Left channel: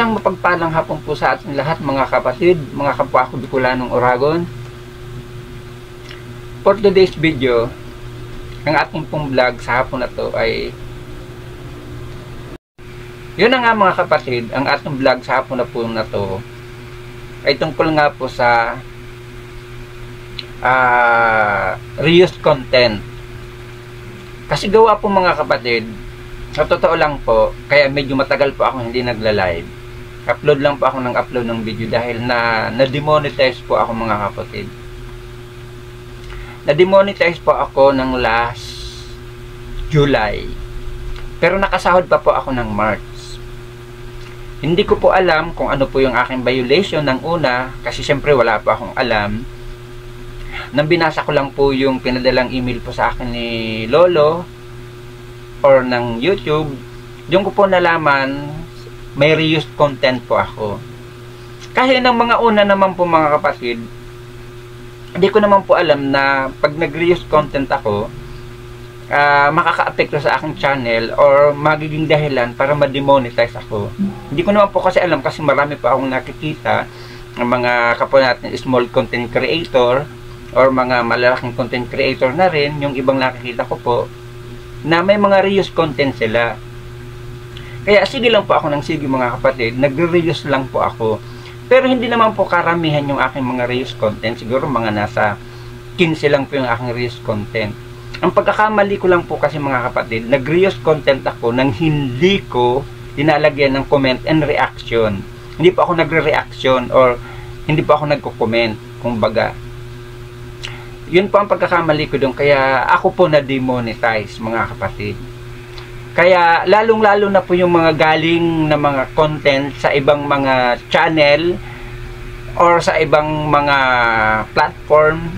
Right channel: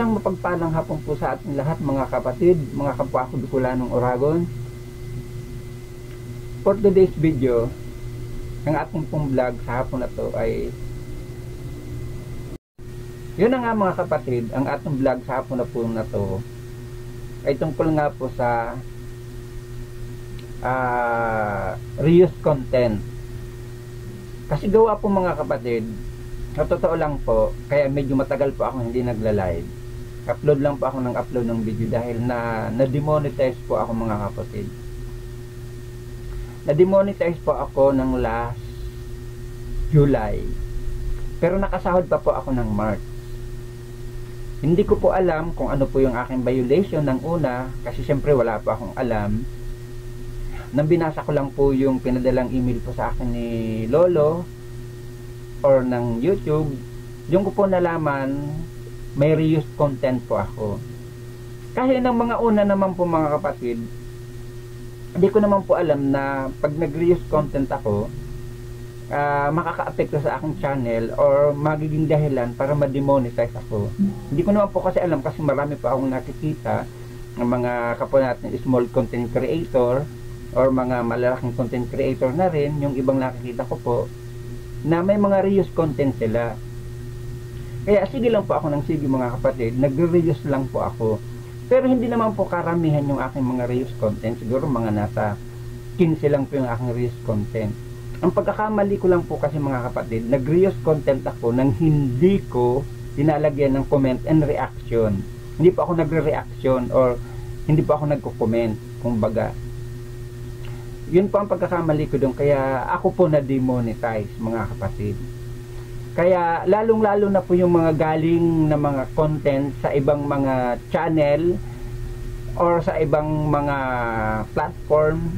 Isang mapagpalang hapon po sa ating lahat mga kapatid, mga kapwa ko Bicolanong Oragon. For today's video, ang ating pong vlog sa hapon na to ay yun na nga mga kapatid, ang ating vlog sa hapon na po na to ay tungkol nga po sa reused content. Kasi gawa po mga kapatid, sa totoo lang po, kaya medyo matagal po ako hindi nagla-live. Upload lang po ako ng upload ng video dahil na-demonetize po ako mga kapatid. Na-demonetize po ako ng last July. Pero nakasahod pa po ako ng March. Hindi ko po alam kung ano po yung aking violation ng una kasi syempre wala pa akong alam. Nang binasa ko lang po yung pinadalang email po sa akin ni Lolo or ng YouTube, yung ko po nalaman may reused content po ako. Kahit ng mga una naman po mga kapatid, hindi ko naman po alam na pag nag-reused content ako, makaka-apekto sa aking channel or magiging dahilan para ma-demonetize ako. Hindi ko naman po kasi alam kasi marami po akong nakikita ng mga kapwa natin small content creator or mga malalaking content creator na rin, yung ibang nakikita ko po na may mga reused content sila. Kaya sige lang po ako ng sige mga kapatid, nagre-reuse lang po ako. Pero hindi naman po karamihan yung aking mga reuse content. Siguro mga nasa 15 lang po yung aking reuse content. Ang pagkakamali ko lang po kasi mga kapatid, nag-reuse content ako nang hindi ko dinalagyan ng comment and reaction. Hindi po ako nagre-reaction or hindi po ako nagko-comment, kumbaga. Yun po ang pagkakamali ko doon, kaya ako po na-demonetize mga kapatid. Kaya lalong-lalo na po yung mga galing na mga content sa ibang mga channel or sa ibang mga platform,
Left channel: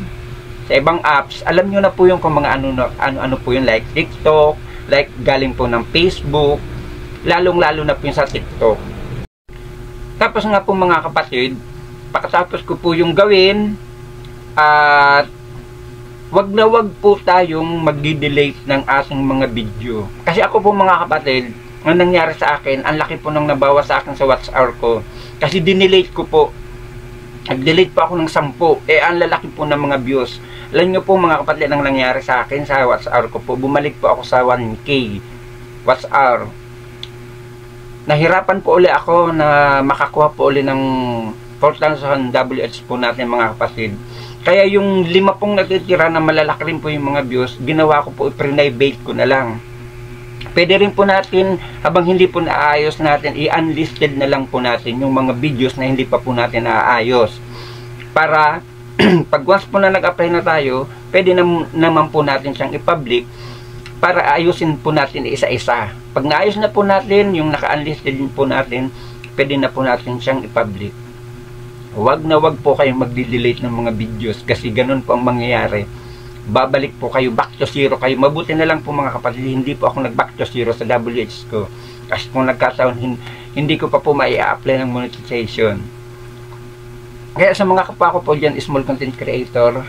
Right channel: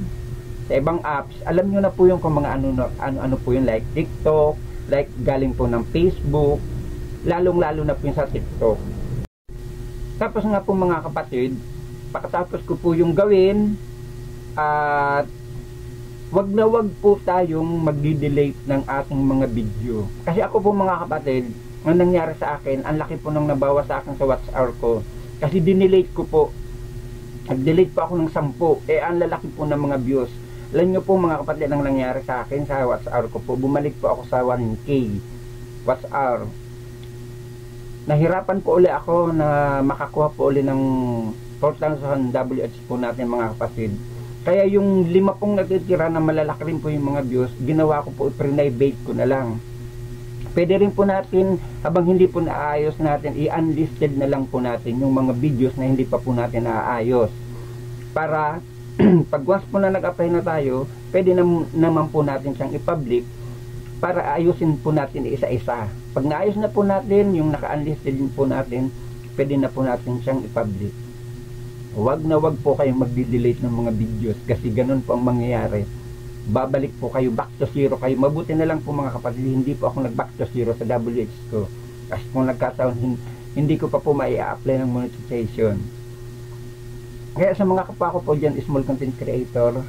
sa ibang apps, alam nyo na po yung kung mga ano po yun, like TikTok, like galing po ng Facebook, lalong-lalo na po yung sa TikTok. Tapos nga po mga kapatid, pagkatapos ko po yung gawin, at wag na wag po tayong mag-delete ng ating mga video. Kasi ako po mga kapatid, ang nangyari sa akin, ang laki po nang nabawa sa akin sa WhatsApp ko. Kasi dinelete ko po. Nag-delete po ako ng 10. Ang lalaki po ng mga views. Alam nyo po mga kapatid, ang nangyari sa akin sa WhatsApp ko po, bumalik po ako sa 1K WhatsApp. Nahirapan po uli ako na makakuha po uli ng 4,000 WH po natin mga kapatid. Kaya yung 5 pong natitira na malalaki rin po yung mga views, ginawa ko po, i-private ko na lang. Pwede rin po natin, habang hindi po naayos natin, i-unlisted na lang po natin yung mga videos na hindi pa po natin naayos. Para, pag once po na nag-apply na tayo, pwede naman po natin siyang i-public para ayusin po natin isa-isa. Pag naayos na po natin, yung naka-unlisted din po natin, pwede na po natin siyang i-public. Wag na wag po kayong magdi-delete ng mga videos kasi ganun po ang mangyayari. Babalik po kayo, back to zero kayo. Mabuti na lang po mga kapatid, hindi po ako nag-back to zero sa WH ko. Kasi kung nagkataon, hindi ko pa po mai-apply ng monetization. Kaya sa mga kapwa ko po dyan, small content creator,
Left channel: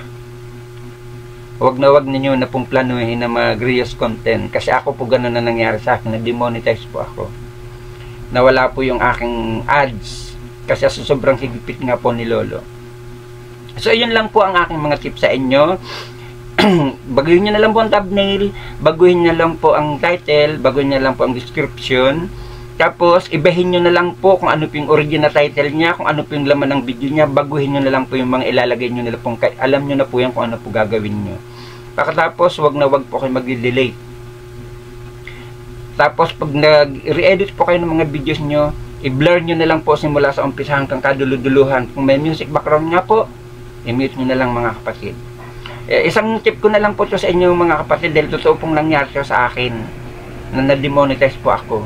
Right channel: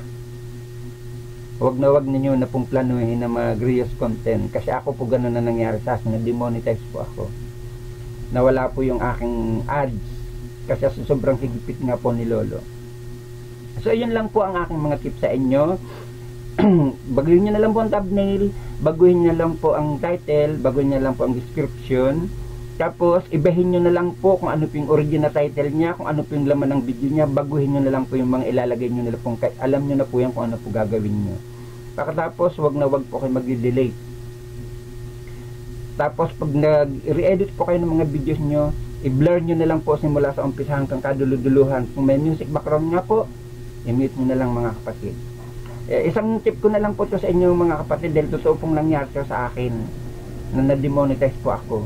wag na wag ninyo na pong planuhin na mag-reuse content. Kasi ako po ganun na nangyari sa akin, na-demonetize po ako. Nawala po yung aking ads. Kasi sobrang higpit nga po ni Lolo. So yun lang po ang aking mga tips sa inyo. Baguhin nyo na lang po ang thumbnail, baguhin nyo lang po ang title, baguhin nyo lang po ang description. Tapos ibahin nyo na lang po kung ano po yung original title niya, kung ano po yung laman ng video niya. Baguhin nyo na lang po yung mga ilalagay nyo nila po. Alam nyo na po yan kung ano po gagawin nyo. Pagkatapos wag na wag po kayo mag-delete. Tapos pag nag-re-edit po kayo ng mga videos nyo, i-blur nyo na lang po simula sa umpisa hanggang kaduluduluhan. Kung may music background nga po, i-mute nyo na lang mga kapatid. Isang tip ko na lang po sa inyo mga kapatid, dahil totoo pong nangyari sa akin na na-demonetize po ako.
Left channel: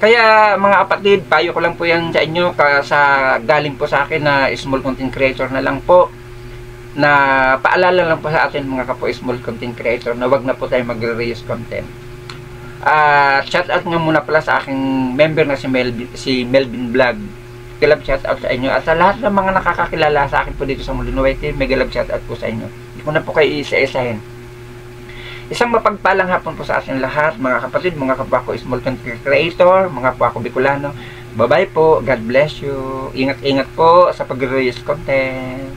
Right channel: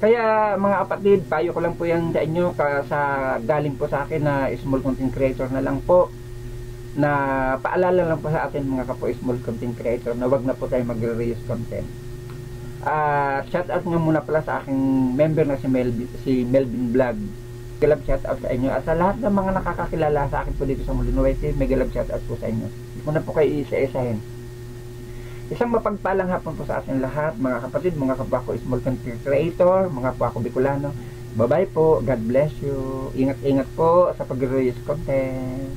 Kaya mga kapatid, payo ko lang po yan sa inyo sa galing po sa akin na small content creator na lang po, na paalala lang po sa atin mga kapwa small content creator na wag na po tayo magre-reuse content. Shout out nga muna pala sa aking member na si Melvin Vlog. Galab shout out sa inyo at sa lahat ng mga nakakakilala sa akin po dito sa Molino White, may galab shout out po sa inyo. Hindi ko na po kayo isa-isahin. Isang mapagpalang hapon po sa ating lahat, mga kapatid, mga kapwa ko small content creator, mga kapwa ko Bicolano. Bye-bye po. God bless you. Ingat-ingat po sa pag-release content.